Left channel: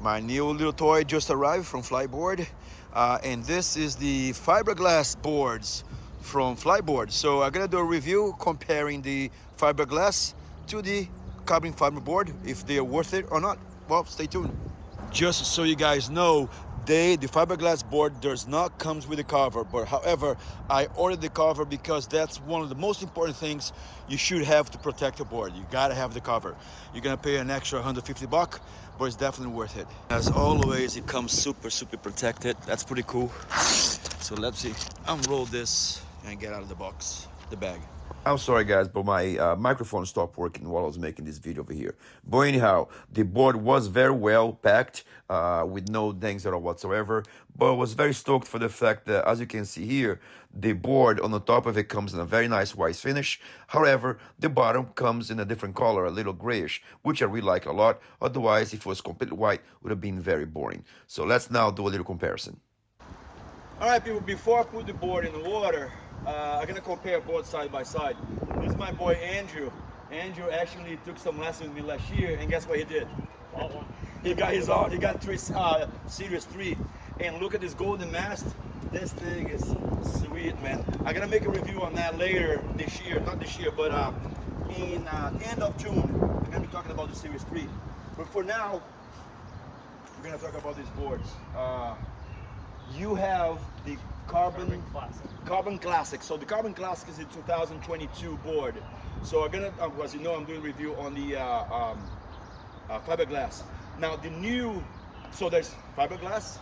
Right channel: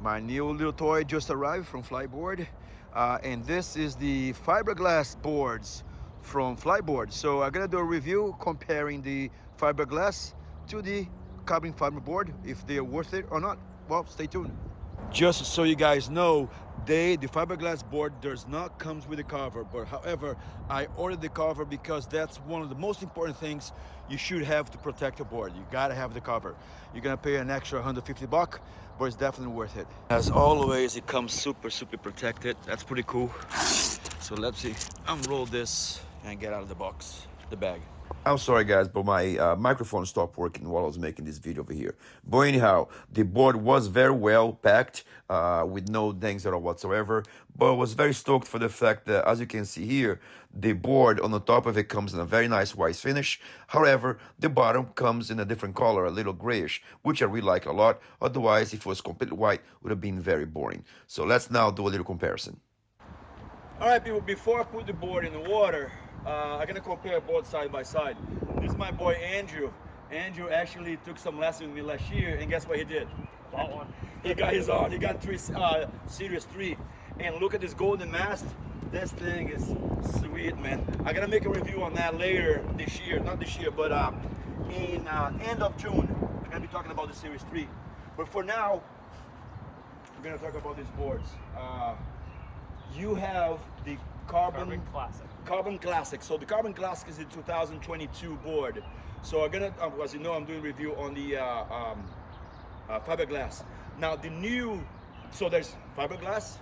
My new little toy just arrived from Fliteboard, and this is the fiberglass boards from Fliteboard. So I'm gonna do a review comparing the fiberglass to the carbon fiber board, if they're worth it or not. Well, stay tuned. Just so you guys know, the fiberglass board does not comes with a cover, but however, I ordered the cover because that's one of the most important things you should have to protect your board. You gotta have the cover. You're gonna pay an extra 150 bucks, but it's definitely worth it. As always, it comes super protected. That's pretty cool. So let's see, unroll this and get out of the box, the bag. I'm sorry guys, but my microphone stopped working while I was making this video over here. But anyhow, the board was very well packed with no dings at all whatsoever. But I was very stoked for the fact that, as you can see here, the board on the top of it comes in a very nice white finish. However, the bottom comes in a different color, a little grayish, which I really like a lot. Otherwise, if it was completely white, it would have been very boring. So let's now do a little comparison. All right, people, before I put the board in the water, I'm gonna compare both side by side. This is my boy Andrew. Andrew actually took some lessons with me last year, and guess what he did? Bought one. He got his own. He got Series 3. And look at this golden mast. This thing is sweet, man. I'm gonna make a review on that later this year. Not this year, but in end of June. I'm gonna be talking about the Series 3. But for now, we're gonna talk about these boards. You have the Carbon Classic. So the Carbon Classic is a 2022 board. So I'm gonna, as you know, I'm doing a review on the fiberglass. Now the new, so there's fiberglass,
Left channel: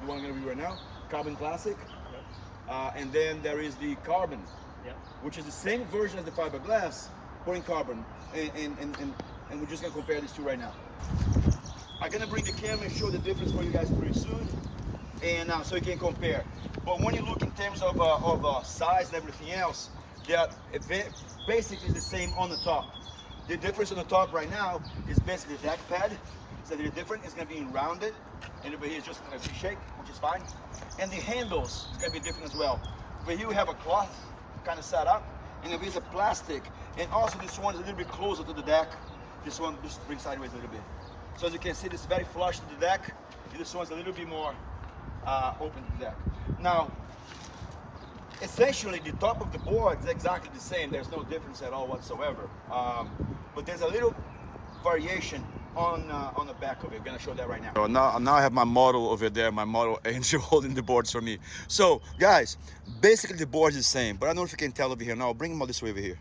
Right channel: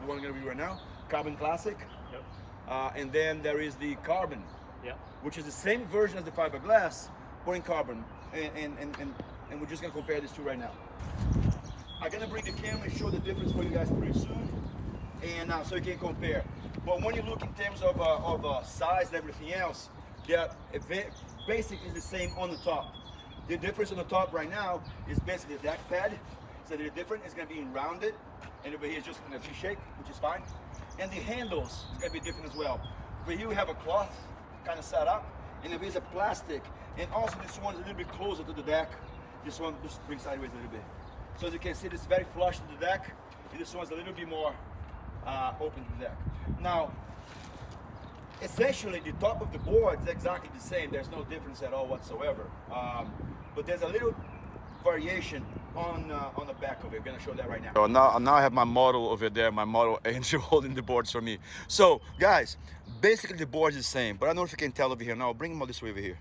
the one I'm gonna review right now, Carbon Classic, Yep. and then there is the Carbon, Yep. which is the same version as the fiberglass, but in carbon. And we're just gonna compare these two right now. I'm gonna bring the camera and show the difference for you guys pretty soon, and so you can compare. But when you look in terms of size and everything else, they are basically the same on the top. The difference on the top right now is basically the deck pad. So the difference is going to be rounded, and over here is just going to be shake, which is fine. And the handles is going to be different as well. Over here we have a cloth kind of set up, and over here is a plastic. And also this one is a little bit closer to the deck. This one just brings sideways a little bit. So as you can see, this is very flush to the deck, and this one's a little bit more open to the deck. Now, essentially the top of the board is exactly the same. There's no difference at all whatsoever. But there's a little variation on the back of it. I'm gonna show that right now. So now I have my model over there, my model Angel holding the boards for me. So guys, basically the board is the same, but I don't know if you can tell over here. Now I'll bring them all this way over here,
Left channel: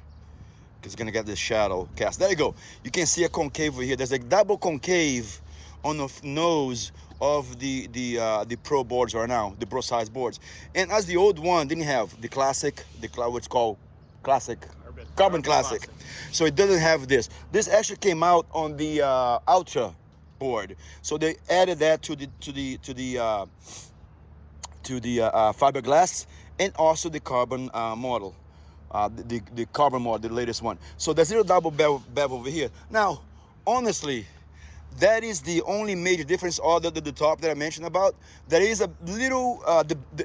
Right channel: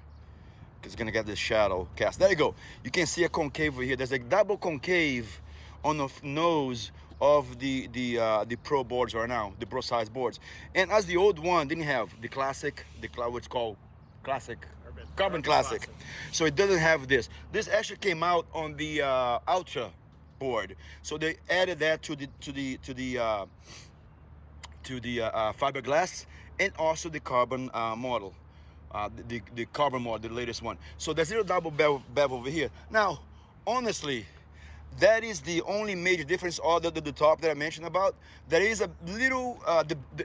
because it's gonna get this shadow cast. There you go. You can see a concave over here. There's a double concave on the nose of the pro boards right now, the pro size boards. And as the old one didn't have the classic, what's called classic, carbon classic. So it doesn't have this. This actually came out on the Ultra board. So they added that to the fiberglass, and also the carbon model, the carbon model, the latest one. So there's a little double bevel over here. Now, honestly, that is the only major difference other than the top that I mentioned about. There is a little,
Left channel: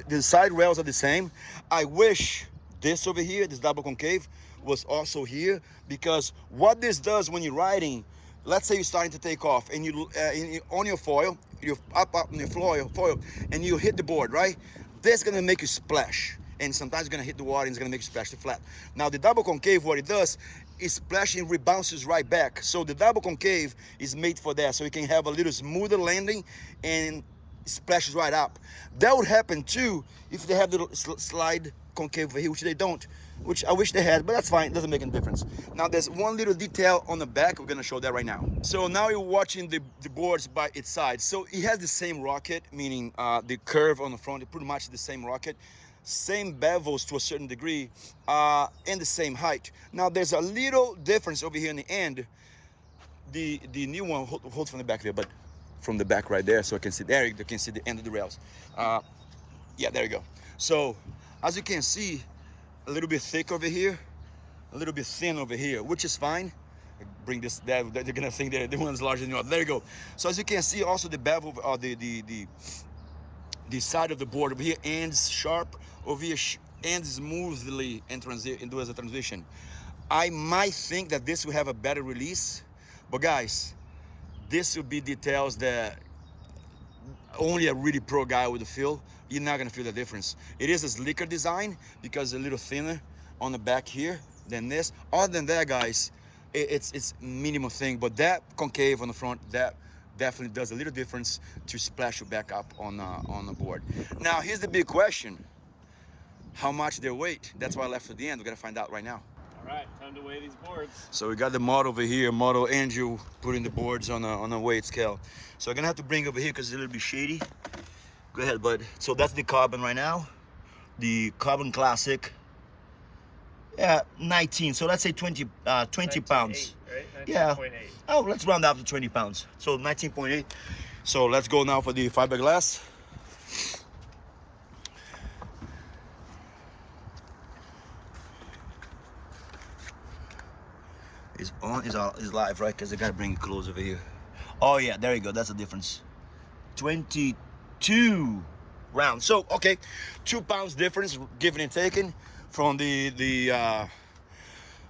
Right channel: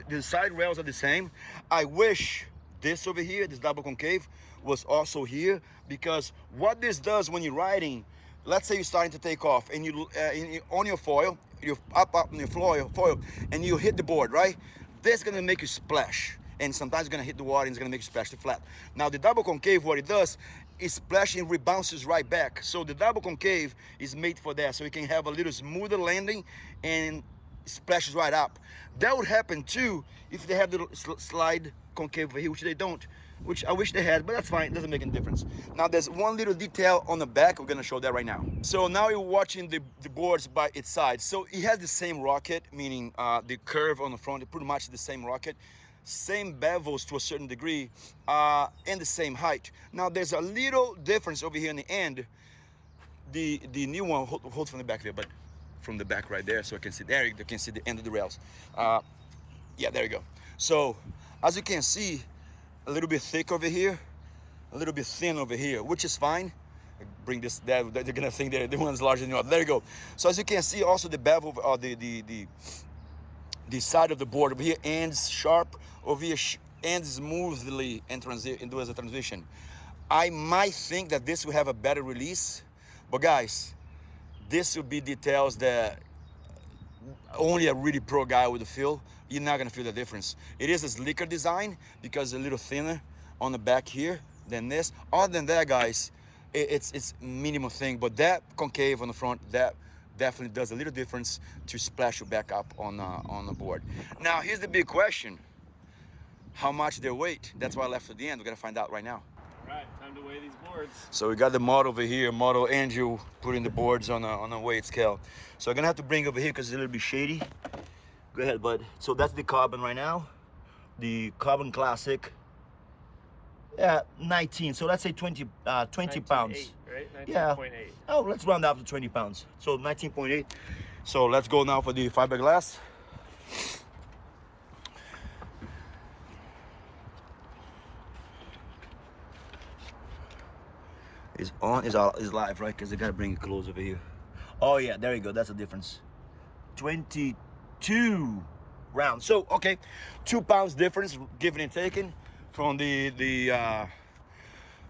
the side rails are the same. I wish this over here, this double concave, was also here, because what this does when you're riding, let's say you're starting to take off and you on your foil, you're up on your foil, and you hit the board, right? This is gonna make you splash. And sometimes it's gonna hit the water and it's gonna make you splash the flat. Now the double concave, what it does is splash and rebounces right back. So the double concave is made for that, so you can have a little smoother landing and splashes right up. That would happen too if they have the slide concave over here, which they don't, which I wish they had, but that's fine, it doesn't make any difference. Now there's one little detail on the back, we're gonna show that right now. So now you're watching the boards by its side. So it has the same rocket, meaning the curve on the front, pretty much the same rocket. Same bevels to a certain degree, and the same height. Now there's a little difference over here in the end. The new one, hold from the back there, but from the back right there, so I can see there, you can see the end of the rails. Yeah, there you go. So as you can see, a little bit thick over here, a little bit thin over here, which is fine. I bring this, they're gonna think that the one's larger than the other. There you go. So as you can see, also the bevel, the side of the board over here ends sharp, over here ends smoothly and do as a transition. I might think that this will have a better release, but guys, this will be details that only a really pro guy with the feel, you're not gonna feel the difference. It is a slicker design because it's a little thinner on the back here than this. Other than that, guys, it's minimal thing, but that concave on the front, that definitely does a little difference to splash you back up on the board. Now, here's the big question. How much they weight? That's why I left at the end. We're gonna find out right now. All right, time to weigh these boards. So we got the model over here, model Andrew putting the boards on a weight scale. So I'm gonna have to bring over here because it's a little bit shady. Go ahead, bud. So that's the carbon right now. The carbon classic. Yeah, 19. So let's say 20 pounds. Right? 19.8. Yeah. Oh, let's round up to 20 pounds. So 19.8. So let's go now for the fiberglass. Is on, is live, right? Because I gotta bring it close over here. Oh yeah, there you go. That's the difference. 22 rounds. So okay, 2 pounds difference, given and taken, from the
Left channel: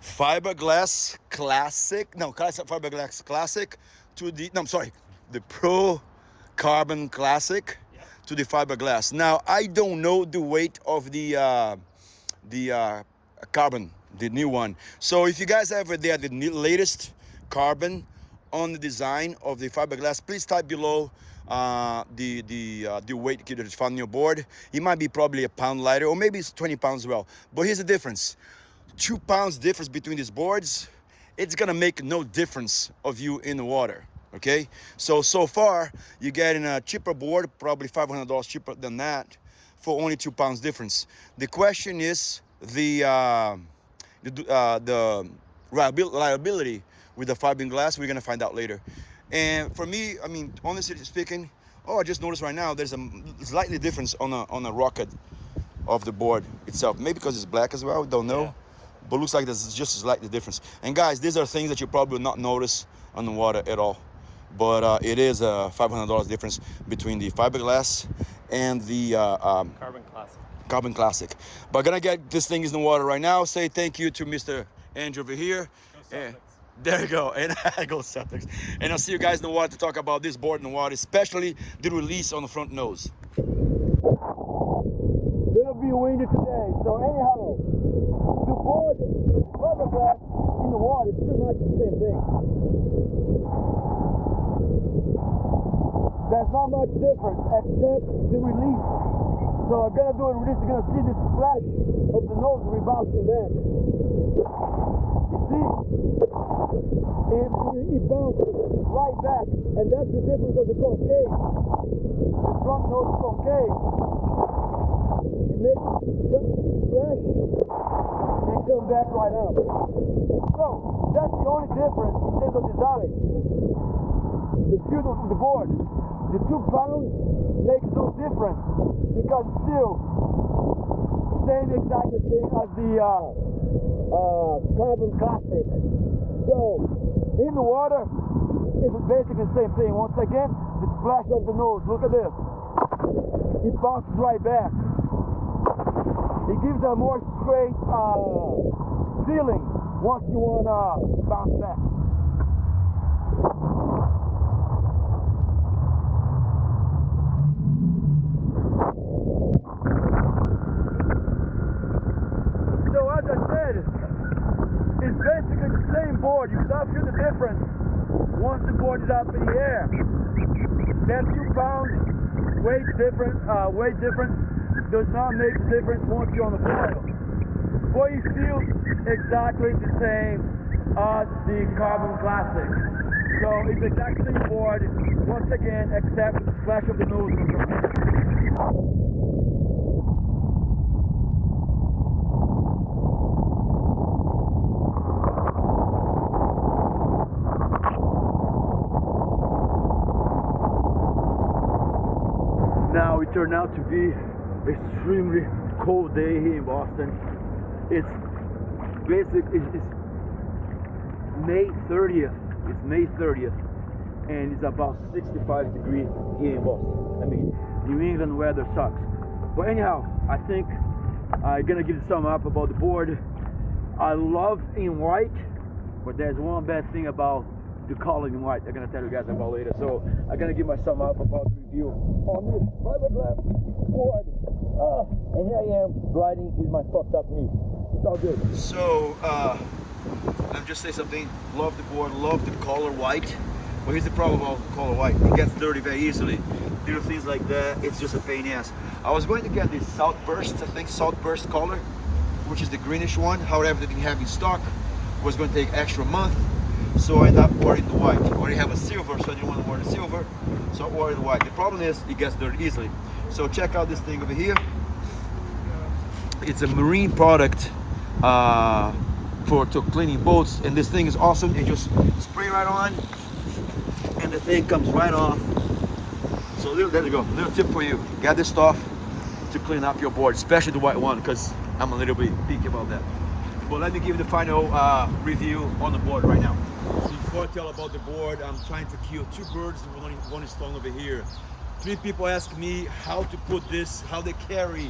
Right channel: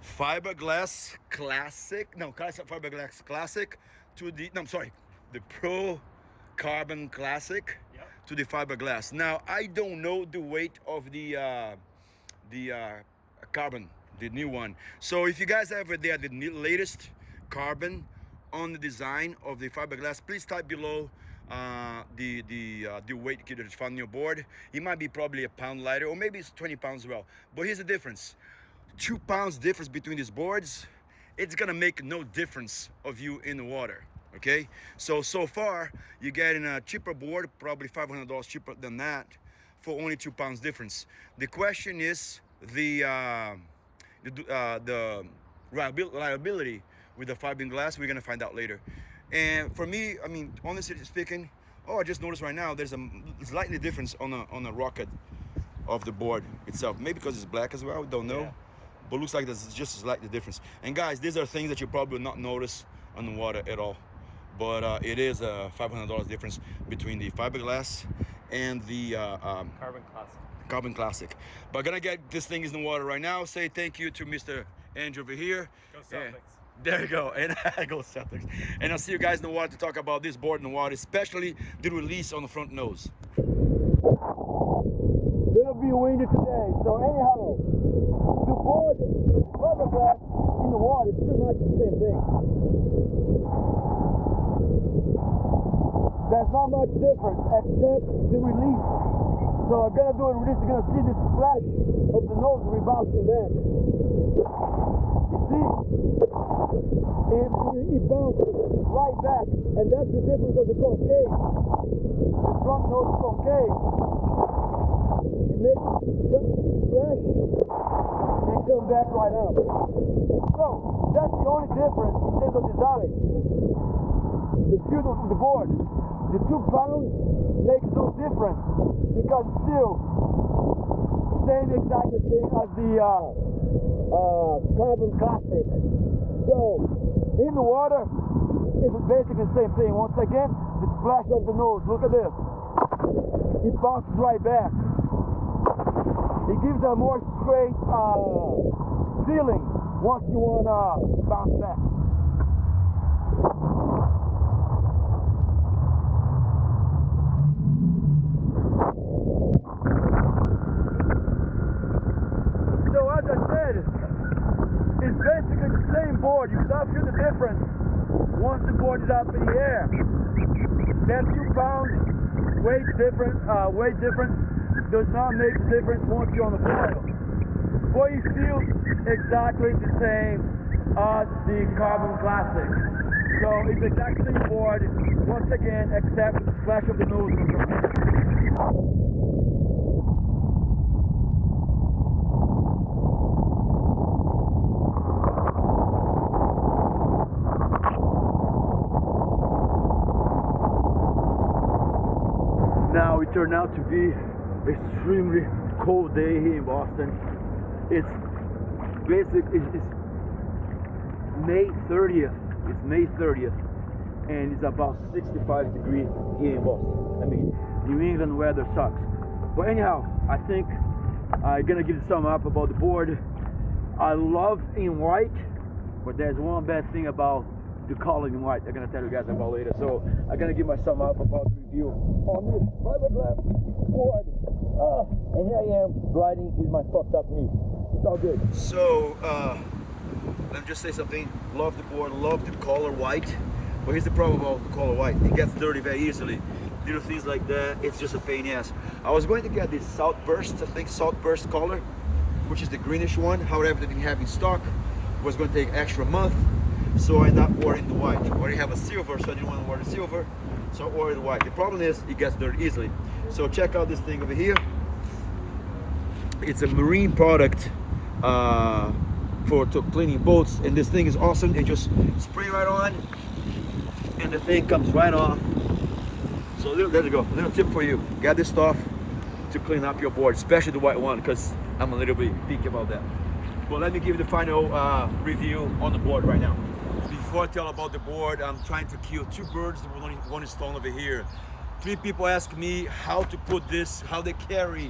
fiberglass classic. No, fiberglass classic to the. No, I'm sorry, the Pro Carbon Classic. Yep. To the fiberglass. Now I don't know the weight of the carbon, the new one. So if you guys have the latest carbon on the design of the fiberglass, please type below the weight that is found on your board. It might be probably a pound lighter, or maybe it's 20 pounds as well. But here's the difference. 2 pounds difference between these boards, it's gonna make no difference of you in the water. Okay, so far you're getting a cheaper board, probably $500 cheaper than that, for only 2 pounds difference. The question is the reliability with the fiberglass. We're gonna find out later. And for me, I mean, honestly speaking, I just noticed right now there's a slightly difference on a rocket of the board itself. Maybe because it's black as well, don't know. Yeah. But looks like there's just a slightly difference. And guys, these are things that you probably will not notice on the water at all. But it is a $500 difference between the fiberglass and the Carbon Classic. But gonna get this thing in the water right now. Say thank you to Mr. Andrew over here. Go Celtics. There you go. And go Celtics. And I'll see you guys in the water to talk about this board in the water, especially the release on the front nose. It'll be windy today. So anyhow, the board, fiberglass in the water is pretty much the same thing. There's not much difference except the release. So I'm gonna do a release. You're gonna see this splash of the nose rebounding back. You see? It bounced right back, and that's the difference of the concave. The front nose concave. It makes it splash and come back right out. So that's the only difference in terms of design. The feel of the board. The 2 pounds makes no difference because still same exact thing as the Carbon Classic. So in the water, it's basically the same thing. Once again, the splash of the nose. Look at this. It bounces right back. It gives a more straight feeling once you want to bounce back. It's basically the same board. You start to feel the difference once the board is up in the air. That 2 pounds weight difference does not make a difference once you're on the boil. But you feel exactly the same as the Carbon Classic. So it's exactly the same board once again, except the splash of the nose in the front. Now it turned out to be extremely cold day here in Boston. It's May 30th. It's May 30th, and it's about 65 degrees here in Boston. I mean, New England weather sucks. But anyhow, I think I'm gonna give you some up about the board. I love in white, but there's one bad thing about the color in white. I'm gonna tell you guys about later. So I'm gonna give myself up about the review on this fiberglass board. And here I am riding with my fucked up knee. It's all good. So I'm just say something. Love the board, love the color white. But here's the problem about the color white. It gets dirty very easily. Little things like that, it's just a pain in the ass. I was going to get this Southburst, I think Southburst color, which is the greenish one. However, they didn't have in stock. It was going to take extra month. So I ended up wearing the white. I already have a silver, so I didn't want to wear the silver. So I wore the white. The problem is it gets dirty easily. So check out this thing over here. It's a marine product for cleaning boats, and this thing is awesome. You just spray right on, and the thing comes right off. So there you go. Little tip for you: get this stuff to clean up your board, especially the white one, because I'm a little bit picky about that. But let me give you the final review on the board right now. Before I tell about the board, I'm trying to kill two birds with only one stone over here. 3 people ask me how to put this, how they carry,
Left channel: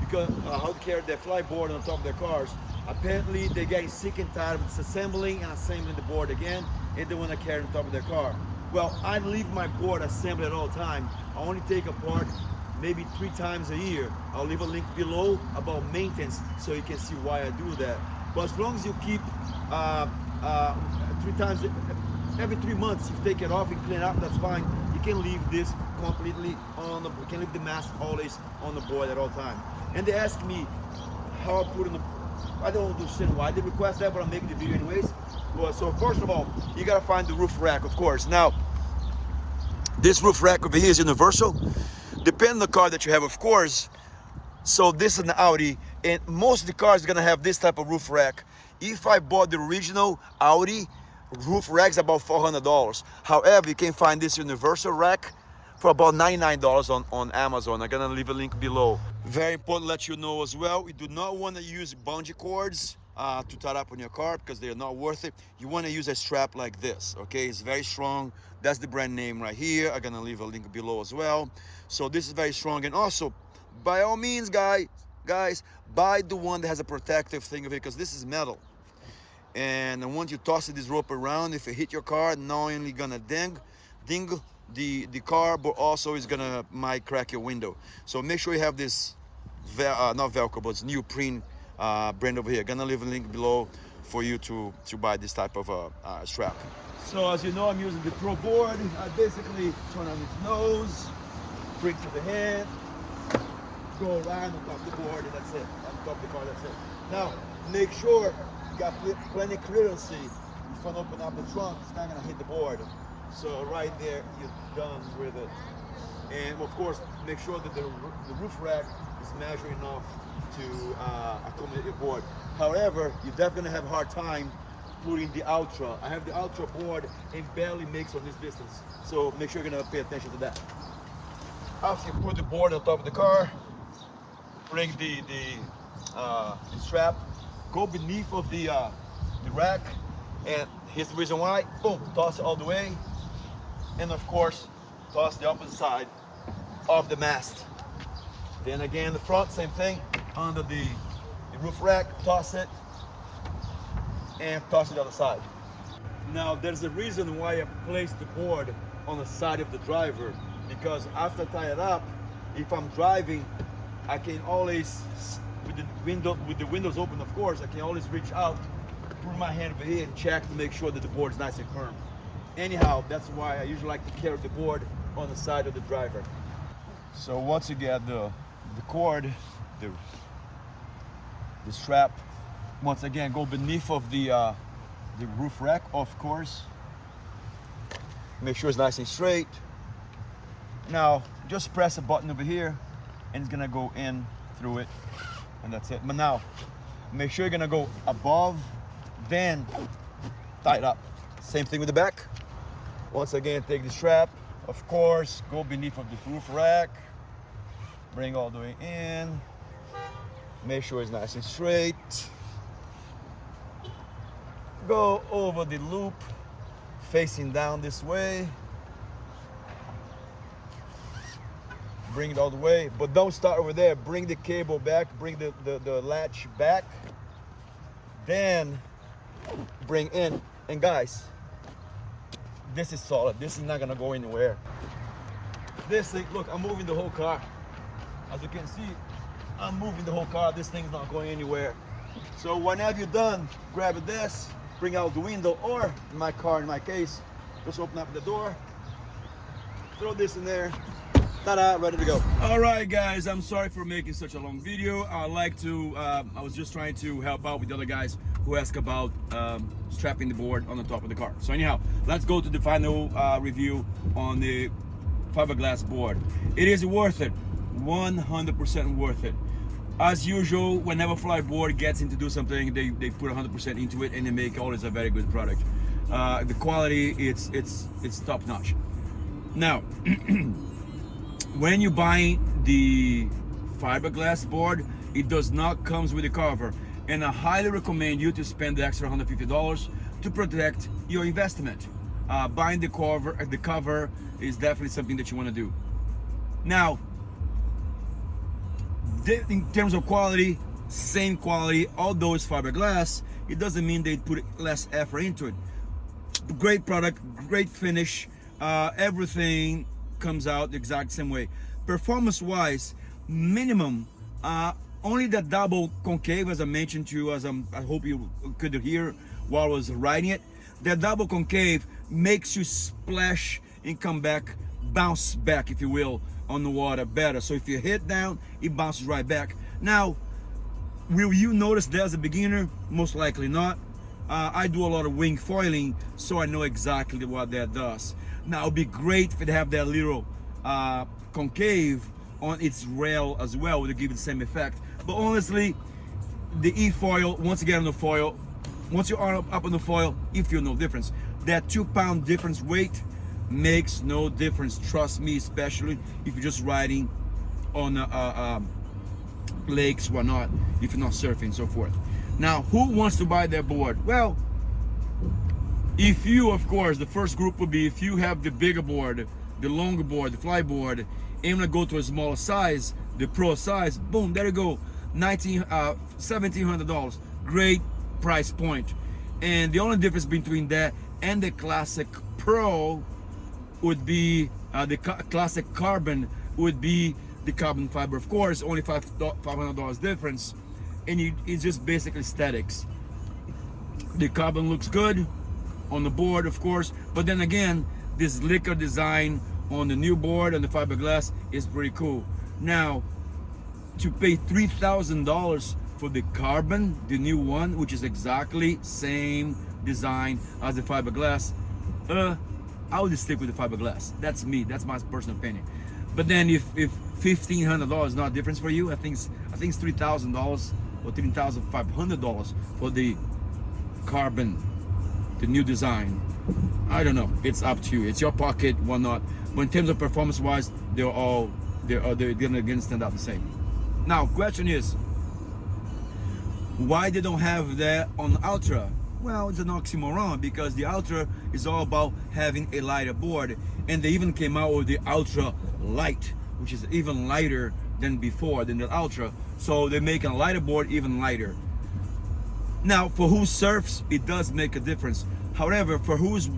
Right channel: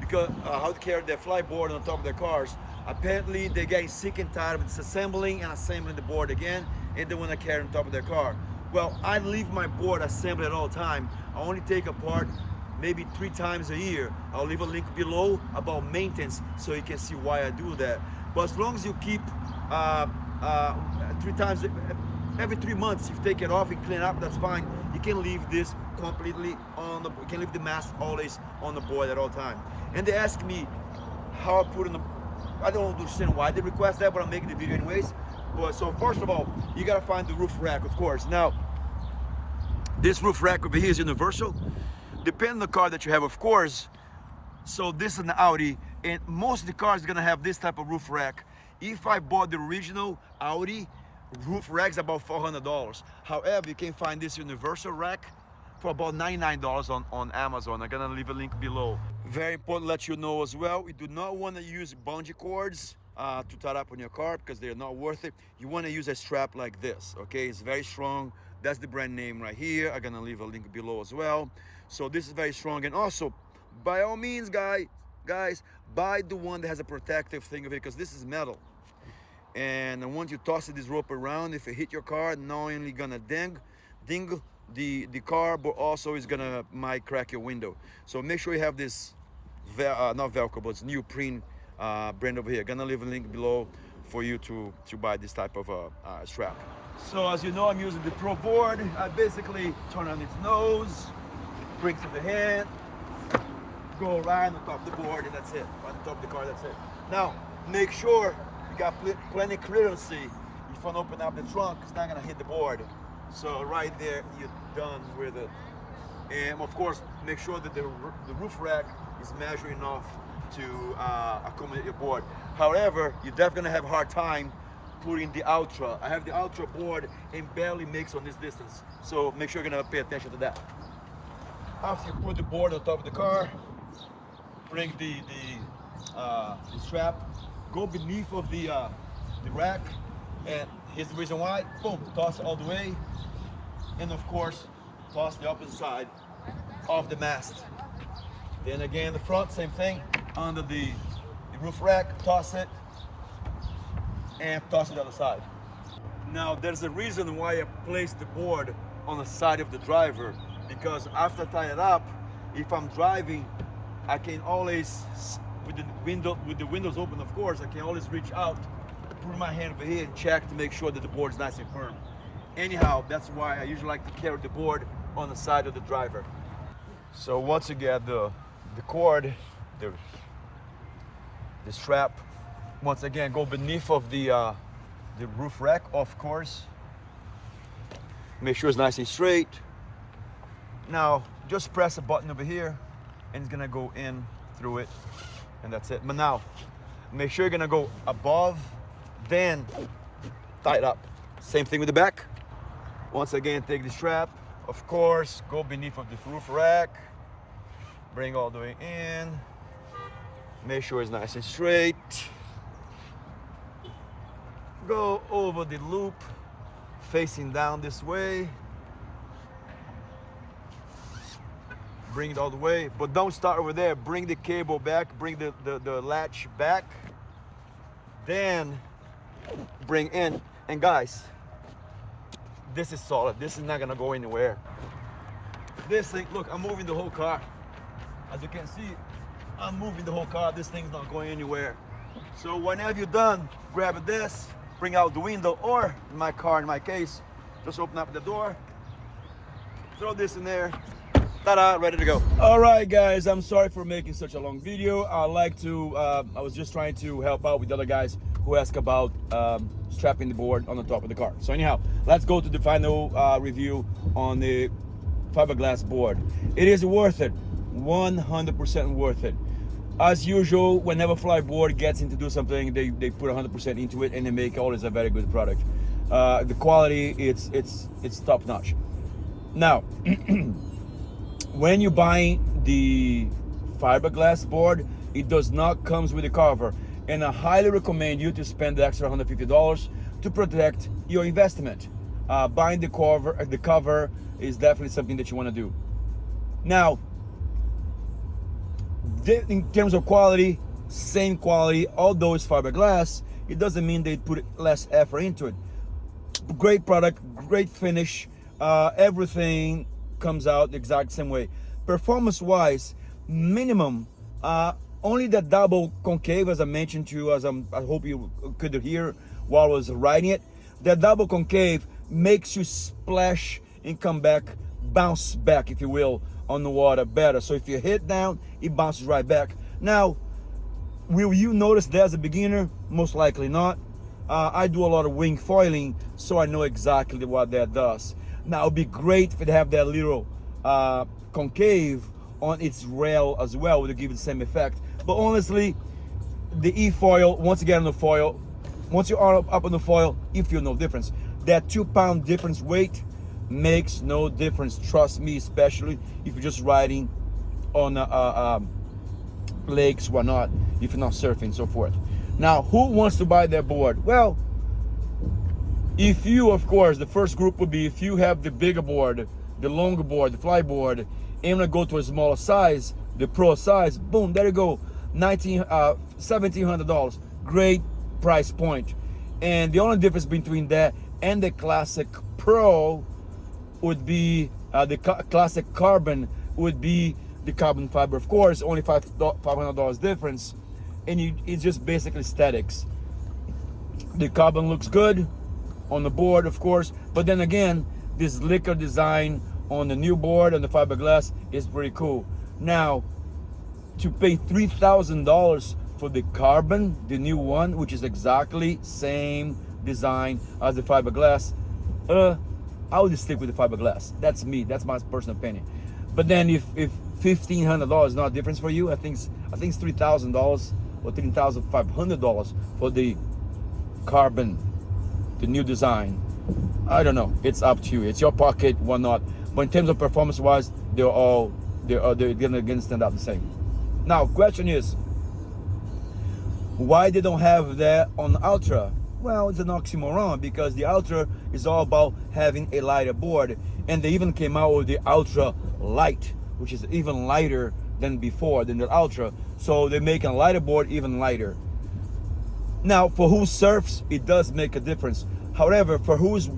because how to carry their Fliteboard on top of their cars. Apparently they're getting sick and tired of disassembling and assembling the board again, and they want to carry on top of their car. Well, I leave my board assembled at all time. I only take apart maybe 3 times a year. I'll leave a link below about maintenance so you can see why I do that. But as long as you keep 3 times, every 3 months, you take it off and clean it up, that's fine. You can leave this completely on the, you can leave the mask always on the board at all time. And they ask me how I put in the, I don't understand why they request that, but I'm making the video anyways. But so first of all, you gotta find the roof rack, of course. Now, this roof rack over here is universal. Depending on the car that you have, of course. So this is an Audi, and most of the cars are gonna have this type of roof rack. If I bought the original Audi roof rack's about $400. However, you can find this universal rack for about $99 on Amazon. I'm gonna leave a link below. Very important to let you know as well, we do not want to use bungee cords to tie up on your car because they're not worth it. You want to use a strap like this, okay? It's very strong. That's the brand name right here. I'm gonna leave a link below as well. So this is very strong, and also by all means, guys, buy the one that has a protective thing of it, because this is metal. And once you toss this rope around, if it hit your car, not only gonna ding the car, but also is gonna might crack your window. So make sure you have this not Velcro, but it's neoprene brand over here. Gonna leave a link below for you to buy this type of strap. So as you know, I'm using the Pro board. I basically turn on its nose, bring to the head, go right on top of the board, and that's it. On top of the car, that's it. Now make sure you got plenty of clearance. If I open up the trunk, it's not gonna hit the board. So right there, you're done with it. And of course, make sure that the roof rack is measuring enough to accommodate your board. However, you're definitely gonna have a hard time putting the Ultra. I have the Ultra board and barely makes on this distance. So make sure you're gonna pay attention to that. After you put the board on top of the car, bring the strap, go beneath of the rack, and here's the reason why. Boom, toss it all the way, and of course, toss the opposite side of the mast. Then again, the front, same thing, under the roof rack, toss it, and toss it the other side. Now, there's a reason why I placed the board on the side of the driver, because after I tie it up, if I'm driving, I can always, with the windows open, of course, I can always reach out, put my hand over here and check to make sure that the board is nice and firm. Anyhow, that's why I usually like to carry the board on the side of the driver. So once you get the cord, the strap, once again, go beneath of the roof rack, of course. Make sure it's nice and straight. Now, just press a button over here, and it's gonna go in through it, and that's it. But now, make sure you're gonna go above, then tie it up. Same thing with the back. Once again, take the strap, of course, go beneath of the roof rack, bring all the way in, make sure it's nice and straight. Go over the loop, facing down this way. Bring it all the way, but don't start over there. Bring the cable back, bring the latch back, then bring in. And guys, this is solid. This is not gonna go anywhere. This thing, look, I'm moving the whole car. As you can see, I'm moving the whole car. This thing's not going anywhere. So whenever you're done, grab this, bring out the window, or in my car, in my case, just open up the door, throw this in there, ta-da, ready to go. All right, guys, I'm sorry for making such a long video. I was just trying to help out with the other guys who asked about strapping the board on the top of the car. So anyhow, let's go to the final review on the fiberglass board. It is worth it, 100% worth it. As usual, whenever Fliteboard gets into do something, they put 100% into it, and they make always a very good product. The quality, it's top notch. Now, when you buy the fiberglass board, it does not comes with a cover, and I highly recommend you to spend the extra $150 to protect your investment. Buying the cover is definitely something that you want to do. Now, in terms of quality, same quality, although it's fiberglass, it doesn't mean they put less effort into it. Great product, great finish, everything comes out the exact same way. Performance wise, minimum, only the double concave, as I mentioned to you, I hope you could hear while I was riding it. The double concave makes you splash and come back, bounce back, if you will, on the water better. So if you hit down, it bounces right back. Now, will you notice that as a beginner? Most likely not. I do a lot of wing foiling, so I know exactly what that does. Now, it'd be great if it have that little concave on its rail as well to give it the same effect. But honestly, the e-foil, once you get on the foil, once you are up on the foil, you feel no difference. That 2-pound difference weight makes no difference. Trust me, especially if you're just riding on lakes, whatnot, if you're not surfing and so forth. Now, who wants to buy that board? Well, if you, of course, the first group would be if you have the bigger board, the longer board, the Fliteboard, and to go to a smaller size, the pro size, boom, there you go, $1,700. Great price point. And the only difference between that and the Classic Pro would be the Classic Carbon would be the carbon fiber. Of course, only $500 difference, and it's just basically aesthetics. The carbon looks good on the board, of course, but then again, this liquor design on the new board and the fiberglass is pretty cool. Now, to pay $3,000 for the carbon, the new one, which is exactly same design as the fiberglass, I would stick with the fiberglass. That's me. That's my personal opinion. But then, if $1,500 is not a difference for you, I think it's $3,000 or $3,500 for the carbon, the new design. I don't know. It's up to you. It's your pocket, whatnot. But in terms of performance-wise, they're gonna stand out the same. Now, question is, why they don't have that on Ultra? Well, it's an oxymoron, because the Ultra is all about having a lighter board, and they even came out with the Ultra Light, which is even lighter than before, than the Ultra. So they're making a lighter board even lighter. Now, for who surfs, it does make a difference. However, for who's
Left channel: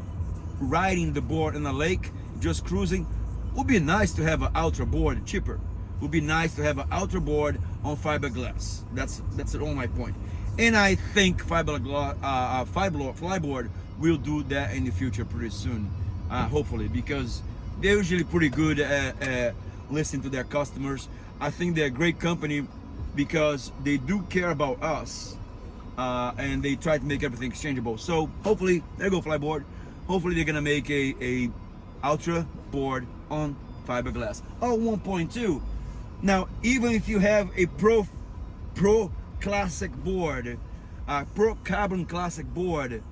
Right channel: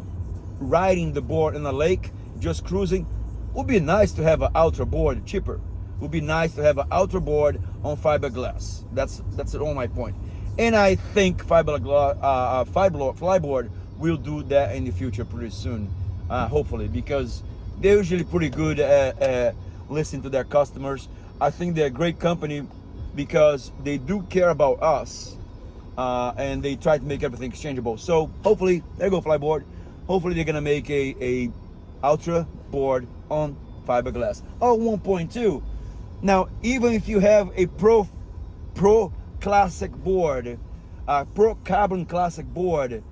riding the board in a lake, just cruising, it would be nice to have an Ultra board cheaper. It would be nice to have an Ultra board on fiberglass. That's all my point. And I think Fliteboard will do that in the future pretty soon, hopefully, because they're usually pretty good at listening to their customers. I think they're a great company because they do care about us, and they try to make everything exchangeable. So hopefully, there you go, Fliteboard. Hopefully they're gonna make a Ultra board on fiberglass. Oh, 1.2. Now, even if you have a Pro Classic board, Pro Carbon Classic board,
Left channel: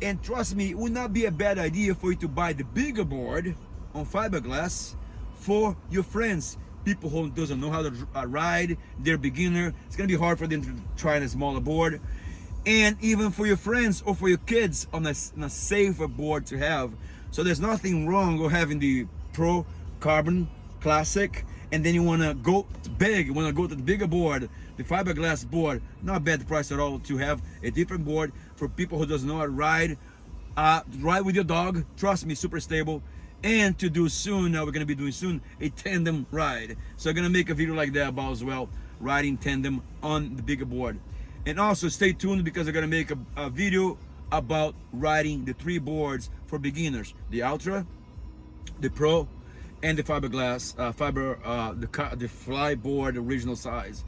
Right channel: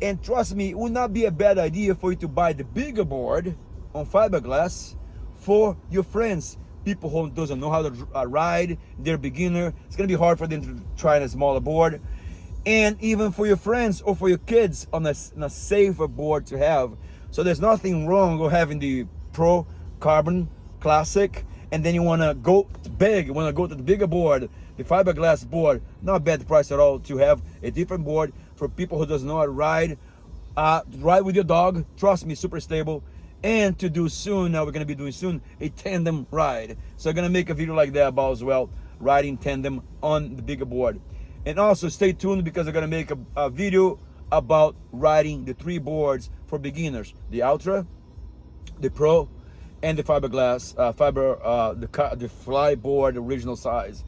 and trust me, it would not be a bad idea for you to buy the bigger board on fiberglass for your friends, people who doesn't know how to ride, they're beginner. It's gonna be hard for them to try on a smaller board, and even for your friends or for your kids on a safer board to have. So there's nothing wrong with having the Pro Carbon Classic, and then you want to go big, you want to go to the bigger board, the fiberglass board. Not a bad price at all to have a different board for people who doesn't know how to ride, Ride with your dog. Trust me, super stable. And to do soon, now we're gonna be doing soon a tandem ride. So I'm gonna make a video like that about as well, riding tandem on the bigger board. And also stay tuned because I'm gonna make a video about riding the 3 boards for beginners: the Ultra, the Pro, and the fiberglass the Fliteboard original size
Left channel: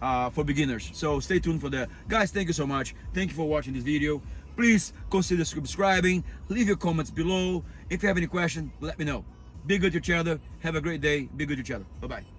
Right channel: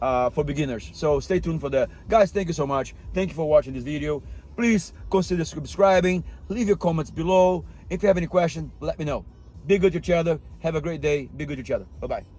for beginners. So stay tuned for that, guys. Thank you so much. Thank you for watching this video. Please consider subscribing. Leave your comments below. If you have any questions, let me know. Be good to each other. Have a great day. Be good to each other. Bye bye.